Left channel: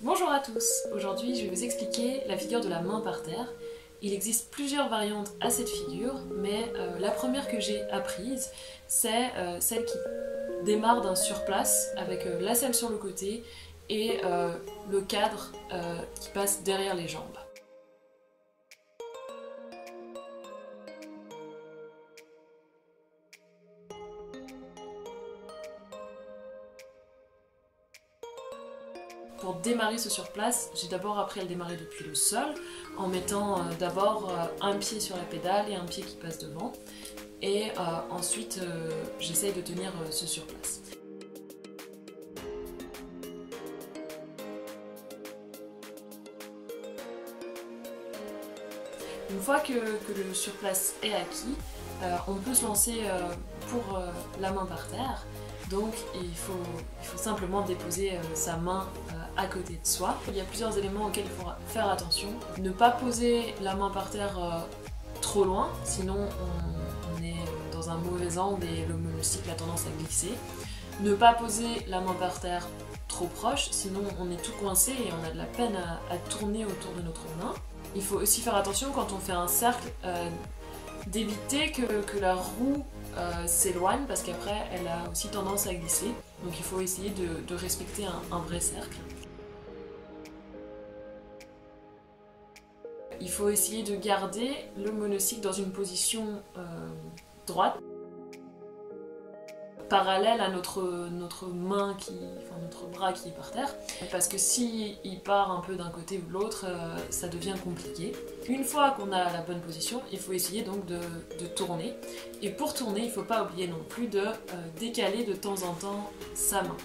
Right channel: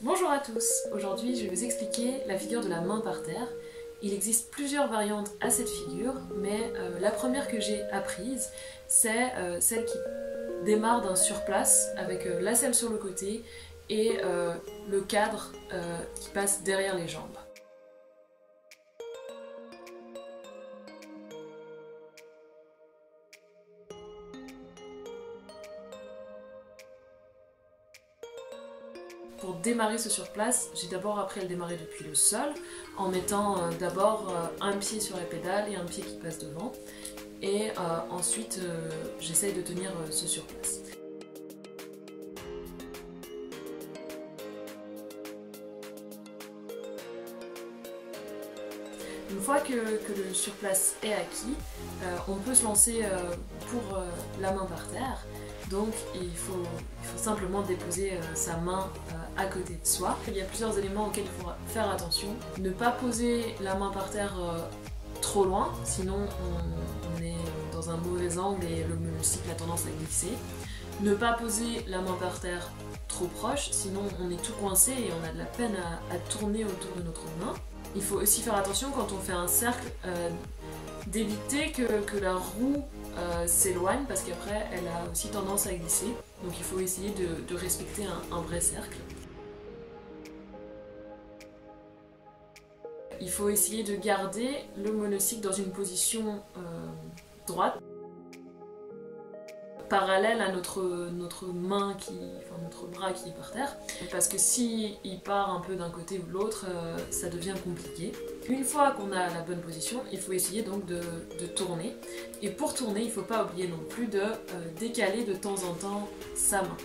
Bonjour à tous, aujourd'hui je vais vous expliquer la figure de la main par terre. Il existe plusieurs variantes à cette figure, mais la première que j'ai apprise, c'est celle qui démarre d'un surplace avec la selle sur le côté et le cadre qui passe derrière les jambes. Pour démarrer ce surplace, j'ai d'abord appris à le démarrer depuis le sol, en mettant d'abord un pied sur la pédale et un pied qui passe devant, et ensuite j'essaye de tenir ce surplace. Une fois que le surplace est acquis, on peut se lancer pour la main par terre. Donc il faut simplement déposer sa main à côté de soi. Il y a plusieurs éléments auxquels il faut faire attention. Ne pas poser la main par terre trop loin, sinon on est dans un mauvais angle et le monocycle a tendance à glisser. Ne pas poser la main par terre trop proche, sinon on est tout coincé et on a de la peine à tourner autour de notre main. Il faut aussi faire attention quand on fait un cercle, d'éviter que la roue s'éloigne parce qu'après elle a aussi tendance à glisser. Donc il faut essayer de respecter un vrai cercle. Il faut essayer de garder le monocycle dans une position droite, parallèle à notre main notre bras qui est par terre, parce que si il part un peu d'un côté ou de l'autre, ça devient compliqué. Une fois qu'on a la bonne position, il faut essayer donc de tourner, et pour tourner, il ne faut pas oublier non plus de décaler de temps en temps sa main.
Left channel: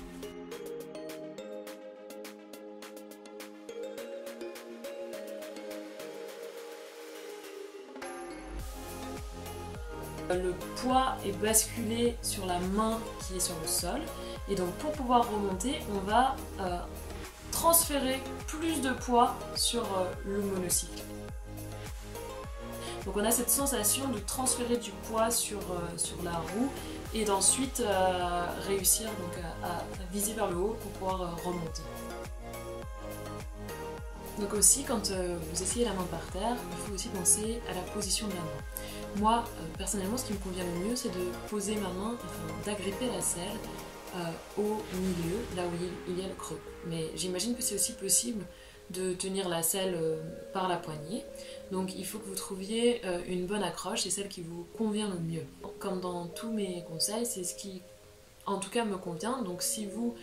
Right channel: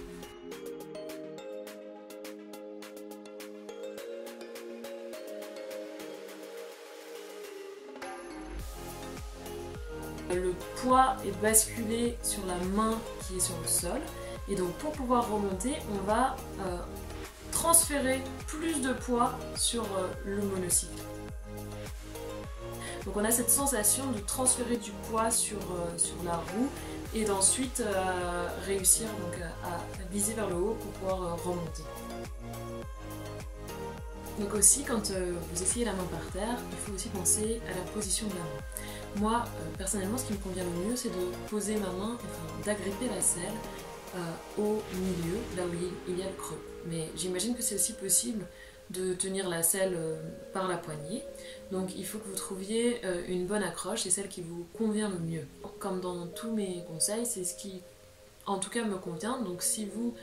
Le poids est basculé sur la main qui est sur le sol, et donc pour pouvoir remonter, on va transférer plus de poids sur le monocycle. Donc on a cette sensation de transférer du poids sur la roue et d'ensuite réussir donc à viser vers le haut pour pouvoir remonter. Donc aussi, quand vous essayez la main par terre, il faut aussi penser à la position de la main. Moi, personnellement, ce qui me convient le mieux, c'est de poser ma main, d'agripper la selle au milieu, là où il y a le creux. Mais j'imagine que c'est aussi possible de tenir la selle par la poignée. Donc il faut que vous trouviez une bonne accroche, c'est celle qui vous convient le mieux. Comme dans tous mes conseils, c'est ce qui en tout cas me convient. Donc si vous,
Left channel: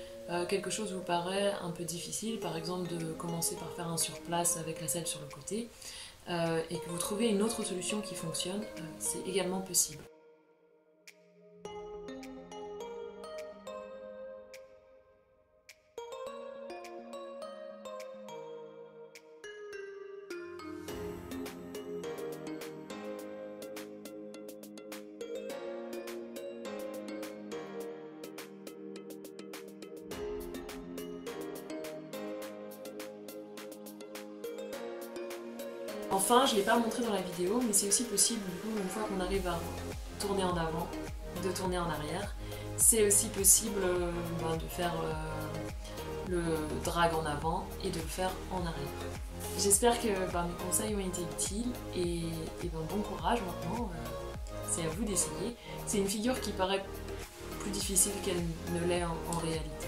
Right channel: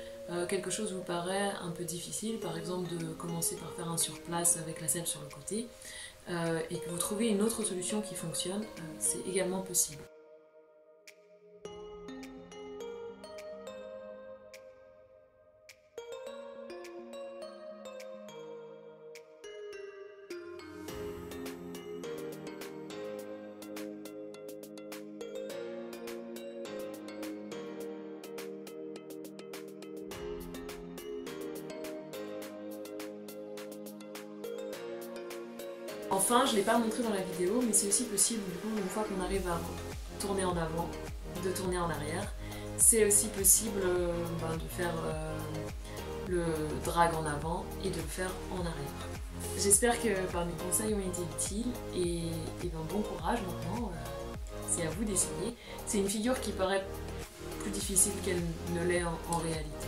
quelque chose vous paraît un peu difficile, par exemple de commencer par faire un surplace avec la selle sur le côté, et que vous trouvez une autre solution qui fonctionne, c'est également possible. Enfin, je ne l'ai pas montré dans la vidéo, mais c'est aussi possible, du coup, une fois qu'on arrive à tourner en avant, de tourner en arrière. C'est aussi possible de faire le drag en avant et de le faire en arrière. J'espère que mes conseils ont été utiles et bon courage maintenant, c'est à vous d'essayer. C'est une figure qui paraît plus difficile qu'elle ne l'est en réalité.